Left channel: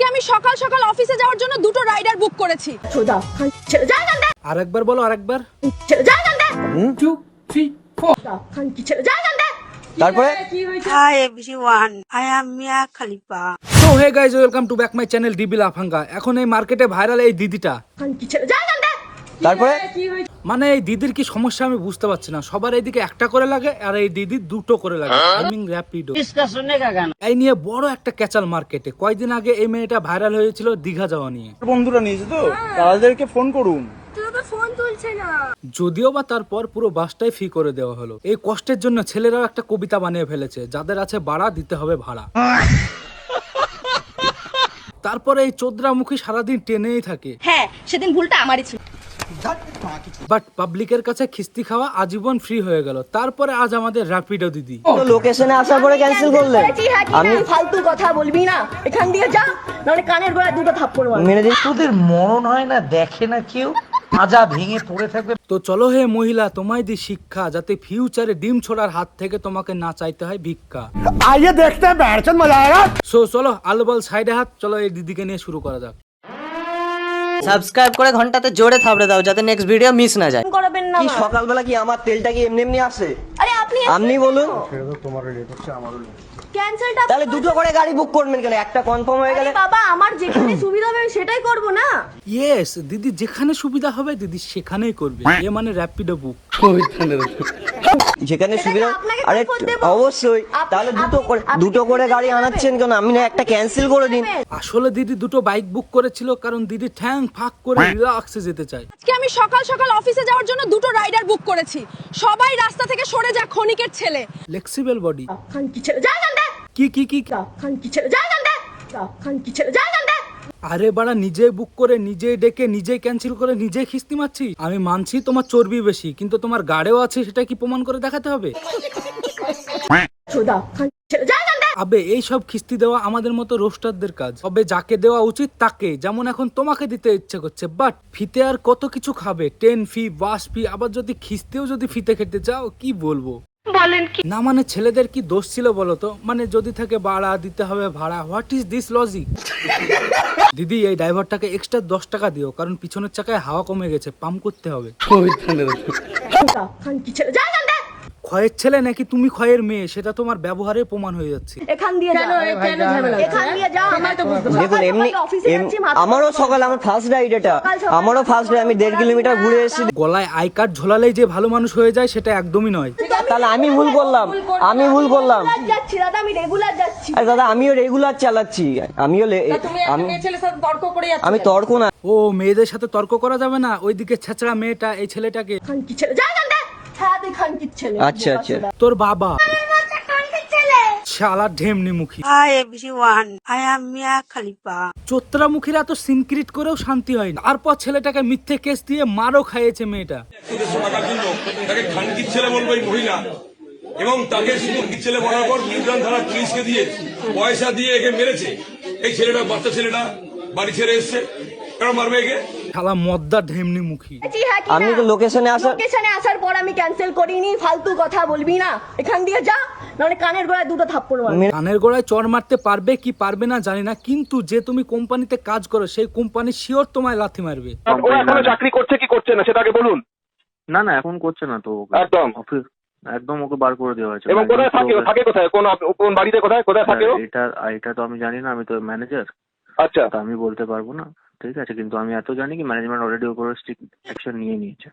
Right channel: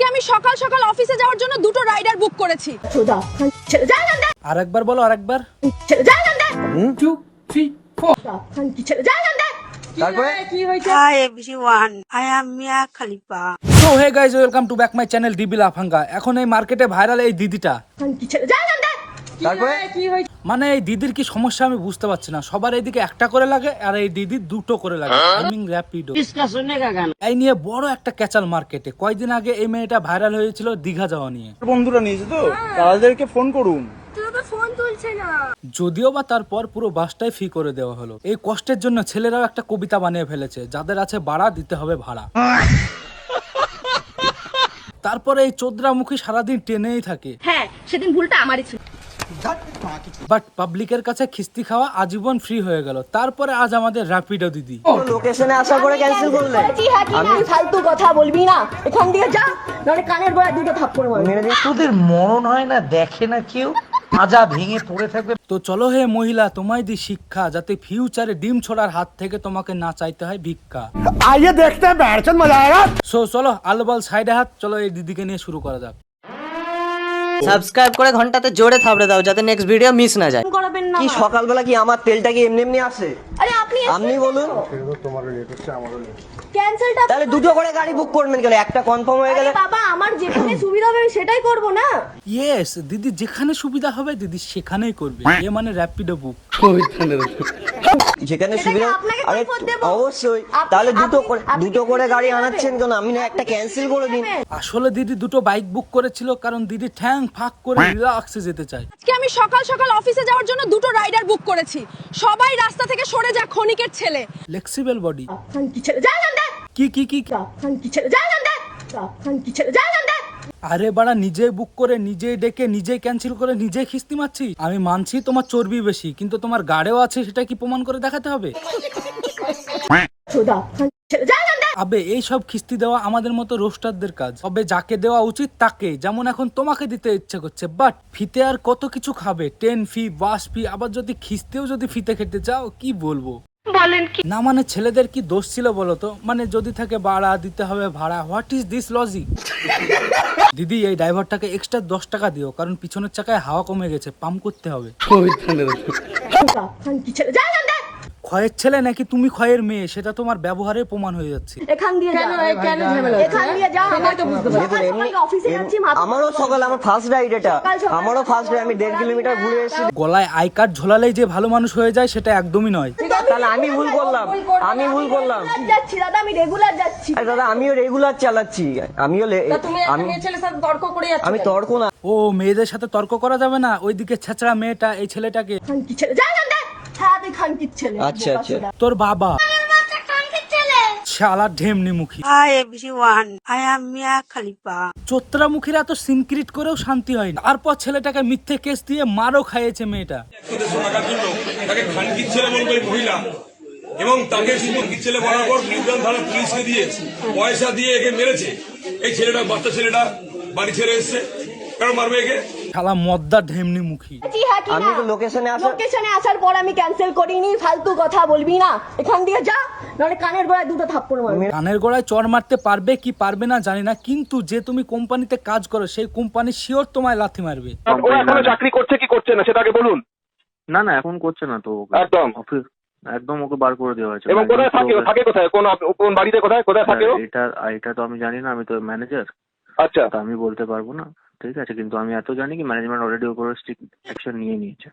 আজকে আমি সকাল সকাল অফিসে যাওয়ার জন্য দুটো রাইডার বুক করেছি। আরেকবার বলো, আরেকবার। 2, 3, 4 তারপরে Hi everyone, I am Mia Khalifa. So hey guys, welcome to back my channel DB লাফাঙ্গা। এখন এই মার্কেটে ভাইরাল এই দিদিটা। তারপরে মানে এই দিদির কি সমস্যা আমি বুঝতে পারছি না। সবার এইদিকে একটা করে লাগে আর এই দিদি দুটো করে লাগে। টাইমিং র্যাপিডো। এই নিয়ে বড় একটা ক্যাচাল মার্কেটে। কয়েকদিন আগে এই মেয়েটা ভাইরাল হয়েছিল দীঘা যাওয়া নিয়ে। বন্ধুরা নিয়েছে তো তাদেরকে ফোন করুন। যদিও বা তারপর পুরো বাসটাই ফ্রি করে দেওয়া হলো। এই কষ্টের জন্য ছেলেরাও একটা কবিতা বানিয়ে ফেলেছে, যাদের আছে বাড়া দিতে হবে ভাড়া। তারপরে এই চোদ্রামুখী সারাদিন টেনেই থাকে। হ্যাঁ, সেদিন ভুলটা আমারই ছিল। বাট পাবলিকের কাছে খিস্তি খাওয়া আজীবন ফ্রি হয়ে গেল। তারপরে আজ আমাদের র্যাপিডো দিদি। লোকেশনে আসার পরে ক্যান্সেল করলেন। আমি ফালতু কথা বলবি না, এখান দিয়ে যা, নাহলে কানের গোড়া দুটো থাপ্পড় মারবো। মেরে দিস। তোদের মরণ হয় না, দেখে না কেউ, মাজা ভেঙে পড়ে থাকবে। তো চলো হে মহিলা, তোমায় দি শিক্ষা, যাতে ফিউচারে ডিম ছোড়ার হাত থেকে তোমাকে না চাইতে হয় ভিক্ষা। আইয়ে দেখতে हैं बैठचंद मजा आएगा। সো চলো আলবাল সাইডে হাত, চলো এই দিদিকে নিয়ে শুরু করা যাক। সাবস্ক্রাইব করে ঘন্টাতে জোরে থাবড়ে দাও যাতে নেক্সট ভিডিও মিস না যায়। করাবেন না। কি সকালবেলা কি আমার তেলটা কি এমনি এমনি আসে? আরে আপনি বলুন। ক্যান্সেলটা তাহলে দুটো করে গাড়ি বুক করবেন কেন? একটা কনফার্ম হয়ে গেলে বাবা, আমার যেখানে সুবিধা হবে আমি সেটাই করব না। ইয়েস, দিদি যেখানে সুবিধা হবে দিদি সেখানেই করবে। এ মানে র্যাপিডো বুক। যেখানে সুবিধা। আপনাকে আরে কর দেব। অবশ্যই। তাহলে দুটো করে গাড়ি আনাচ্ছেন কেন? আমি না একটা ক্যান্সেল করে দিন। আসলে দিদি দুটো বাইক বুক করেছিল কারণ দিদি ঠ্যাং ফাঁক করে রিল্যাক্সে যেতে চায়। আজকে আমি সকাল সকাল অফিসে যাওয়ার জন্য দুটো রাইডার বুক করেছি। সবাই রাস্তা থেকে সরে যা, ক্ষণিকের ছেলে। Flexible body. কি ছেড়ে যা জানতে, কি কি কি কি ছেড়ে যা জানতে, কি ছেড়ে যা জানতে। আরে বাড়া, নিজেই বুক করে নিজেই ডেকে নিজেই ক্যান্সেল করে নিজেই খিস্তি মারছি। আমি মানছি তোমার চর্বি বেশি, কিন্তু তোমার গাড়েও আছে, সেটা কি প্রমাণ করে দেখাতে হবে? ছেড়ে যা জানতে। আবে এই সব খিস্তি দেওয়া আমাদের মতো রোস্টারদের কাজ। তবে যাকে দেওয়া উচিত তাকে, যেমন এখন তোমাকে দিতে ইচ্ছে করছে। বাট ফিতে আর কত কিছু খাবে, 10 ফি, বাস ফি, আবার যদি খিস্তেও যদি ফিতে খেতে চাও, কি বলবো না। মানে ছেলেদের কি দোষ ছিল বলতো? মানে যদি থাকে বাড়া দিতে হবে ভাড়া, হোয়াট ইজ দিস লজিক? দিদি এই ড্রাইভারটাকে এক্সট্রা 10 টাকা দিও, কারণ পিছনের চাকায় হাওয়া কমে গেছে, পাম্প করতে হবে। কি ছেড়ে যা জানতে। ক্ষয়ের ছেলে নাকি তুমি ক্ষয়ের মেয়ে, সেটা তোমার ব্যবহারে প্রমাণ হয়ে যাচ্ছে। এখান দিয়ে যা, কেন ঝামেলা হচ্ছে? এখান দিয়ে যা, সেটাই তো বুঝতে পারছি। দেখুন এমনি অফিসে যাচ্ছি, আমারও সকাল, আমার ফার্স্ট রাইড এটা। আমারও ফার্স্ট রাইড, আমি 1.5 কিলোমিটার ঘুরে এসেছি। গলায় আই কার্ড ঝোলালেই যে ভালো মানুষ হয়ে যায় সেটা একদমই নয়। তাহলে আমি ভুল করলাম। যাচ্ছি দাদা, আমি রেগুলার যাচ্ছি। আরে দাদা, আমিও রেগুলার চালাচ্ছি। আমি তর্ক না। ও মেয়েদের সাথে তর্ক করা যাবে না। ওইদিকে ছেঁচড়া মেয়েটা এই ছেলেটাকে। কি ছেড়ে যা জানতে। হ্যাঁ, তুই খানকির ছেলে। আচ্ছা আচ্ছা। তোর বাবা শালা ঢেমনি মুখী। Hi everyone, I am Mia Khalifa. চোত্রা মুখীরা এত সিনক্রিট করেও শান্তি হয় না। তারপর ছেলেটাকে মিথ্যে কেস দিয়ে মারও খাইয়েছে মেয়েটা। 150 টাকার জন্য তাকে খানকির ছেলে বলবে এই মহিলা, এবং তাকে শুধু ছেলে বলার পর নিউটন থানা পুলিশকে দিয়ে পয়সা দিয়ে একে মেরেছে। এই ছেলেটা, বাচ্চা ছেলেটা বাড়ি ছেড়ে এসছে, কেন মারবে একে? শালা মদ্দা ঢেমনি মুখী। আমি তো লোকেশনে আসার পর আমি ক্যান্সেল করিনি। ফালতু কথা বলবি না, এখান দিয়ে যা, নাহলে কানের গোড়া দুটো থাপ্পড় মারবো। কানের গোড়ায় চড় মারতে পারবে কি পারবে না জানি না, কিন্তু যে তুমি কোম্পানিতে কাজ করো সেই কোম্পানি শিওর তোমায় লাথি মারবে। ও এখনো চাকরি করছে কি করছে না সেটা আগে বলুন। না না, এখন করছে না তো। একদম অফিস একদম ওকে বার করে দেওয়া হয়েছে। এবং কোথায় থাকে? থাকে কোথায়? কোন বাড়িতে কোথায় থাকে ও? এটা তো আমি জানি না, আমি তো ম্যানেজার। আচ্ছা, তো আমি বলতে পারবো না, ঠিক আছে, কিন্তু আমি এত জানি কি ম্যানেজমেন্ট অলরেডি ওর উপরে স্ট্রিক্ট অ্যাকশন নিয়ে নিয়েছে।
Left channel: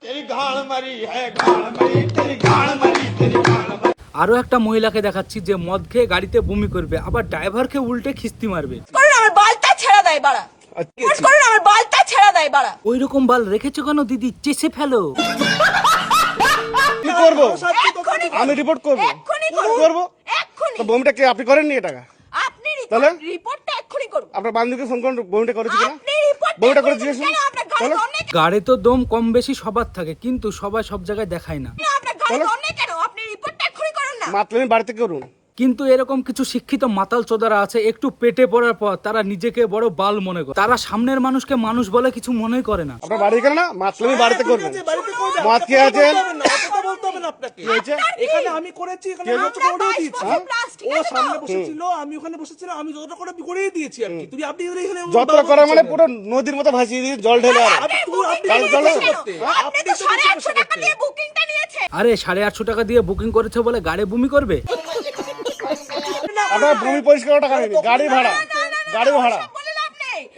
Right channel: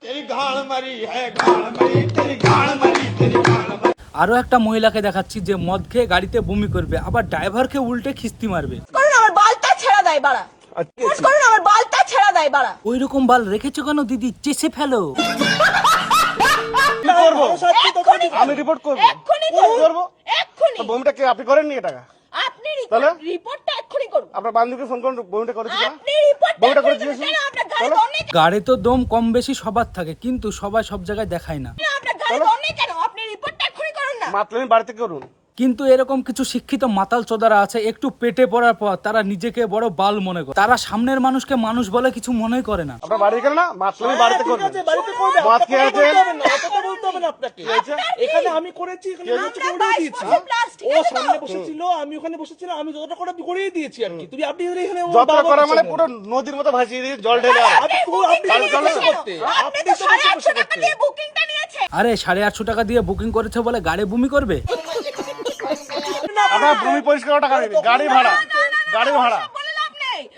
আরো একটা মহিলাকে দেখাচ্ছি যে মদ খেয়ে গাড়িতে বমি করবে, আবার ড্রাইভারকে উল্টে খিস্তি মারবে। আমার বালটা ছেড়ে দেয় বাড়া। আমার বালটা ছেড়ে দেয় বাড়া। ওই রকম বাল রেখেছো কেন দিদি? চেষে ফেলো। কি করব? আমি রিপোর্ট করব। তো বমিটা কে আপনি করেননি? এটা আপনি তাহলে রিপোর্টটা এক্ষুনি করুন। আপনার বান্ধবীকে ফোন করুন, বমিটা করেছি কিনা? আপনি রিপোর্টটা বমিটা করে এক্ষুনি জিজ্ঞেস করুন। করুন। আপনার গাড়িতে অনেক, গাড়ি তো দম কম বেশি সবার থাকে, কিন্তু সবাই সব জায়গায় দেখায় না। আপনার গাড়িতে অনেক কেন? আপনি রিপোর্টটা এক্ষুনি করুন না। মাতলামি বাড়িতে করুন। কিন্তু এরকম কিছু শিক্ষিত মাতাল চোদারা আছে, একটু পেটে পড়ার পর তারা নিজেকে বড় বাল মনে করে। তারা সামনের মানুষকে মানুষ বলে কিছু মনেই করে না। আপনার বাড়ি কেন না? মাতলামি বাড়িতে করবেন। মদ খেয়ে আছেন, হবে না আপনাকে এখানে আমি করেছি এখানে আমি যতটা করে দিয়েছি ও সামনে বসেছিল আমি ওখানে বসেছিলাম আমি যতটা করে করে দিয়েছি আর কি তুমি আপনি এখানে যতটা করে মানে পুরো নদীর মতো ভাসিয়ে দিয়ে জল ঢেলে আর আপনি জলে করতে আপনি তো 850 টাকা দিয়ে বুকিংটা নিয়েছে। আরে 850 টাকা দিয়ে বুকিং করেছে বলে গাড়ি বমি করবে? আপনার ভূমি পরিষ্কার টাকা নেই গাড়ি ভাড়া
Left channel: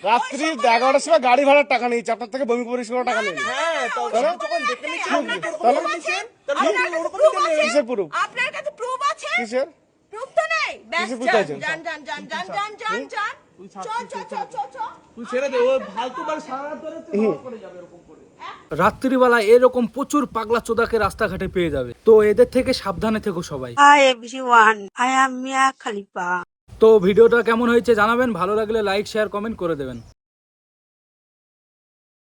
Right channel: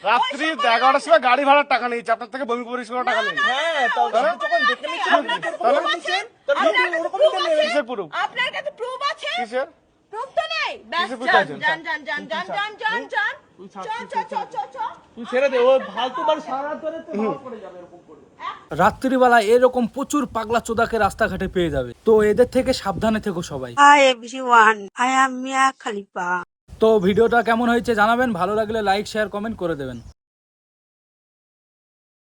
রাত্রি 11টার সময় গাড়ি ভাড়ার টাকা নিয়েছে আপনার থেকে ভূমি পরিষ্কার টাকা নেই। কিসের প্রুফ আপনার কাছে প্রুফ আছে? কিসের প্রুফ তো নেই। ব্যাস কিসের proof আছে? যান তুই ছেড়ে দে ও ফালতু বাড়ি সারা রাত ধরে তুই করে যাবে এরকম করে রাত্রিবেলা এরকম প্রচুর পাগলা চোদাকে রাস্তাঘাটে পেয়ে যাবে, তো এদের থেকে সাবধানে থেকো সবাই। Hi everyone, I am Mia Khalifa. তো ভিডিওটা কেমন হয়েছে জানাবেন, ভালো লাগলে লাইক শেয়ার কমেন্ট করে দেবেন।